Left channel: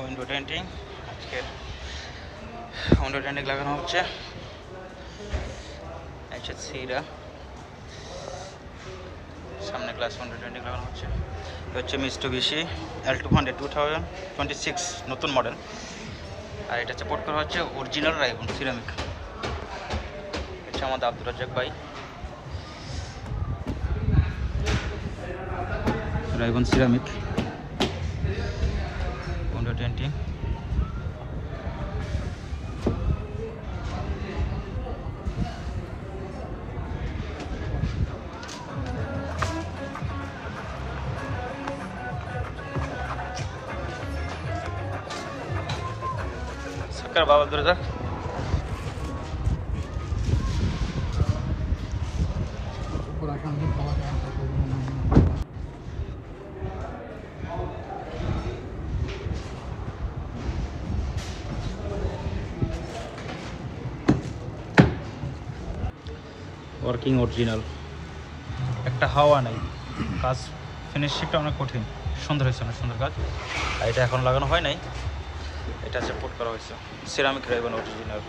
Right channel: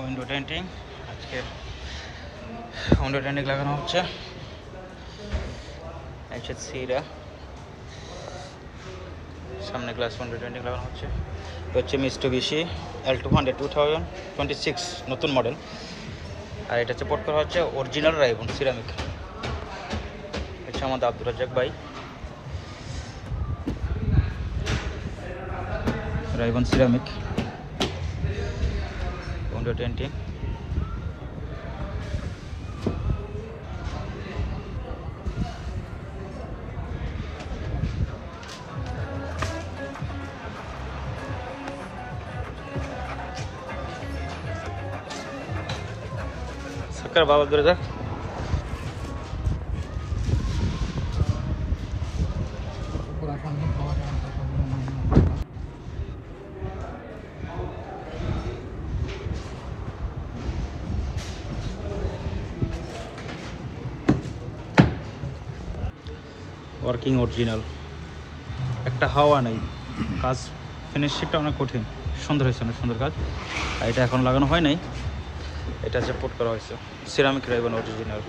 Window টেন্টিং লাগানো হচ্ছে। সিরা সামনে গ্লাস উইন্ডো টেন্টিং লাগানো হচ্ছে। হচ্ছে মিস্টুবিশি L200 2026 নতুন মডেল। আর এটা হচ্ছে পোর্ট করা হচ্ছে অরিজিনাল রাইবন সিরামিক। এটা আমাদের আব্দুর রাজ্জাক ভাই, রাইবন সিরামিক উইন্ডো টেন্টিং। সরকার বাবা ধরে যাক। ওয়ার্কিং অরিজিনাল, একটা হাওয়া নেই। কাজ ফিনিশিংটা অনেক কঠিন, সুন্দর হয়েছে, অনেক সুন্দর কাজ। আর এটা এখন লাগানো হয় নাই, এটা হচ্ছে পোর্ট করা হয়েছে সিরামিক রাইবন অরিজিনাল।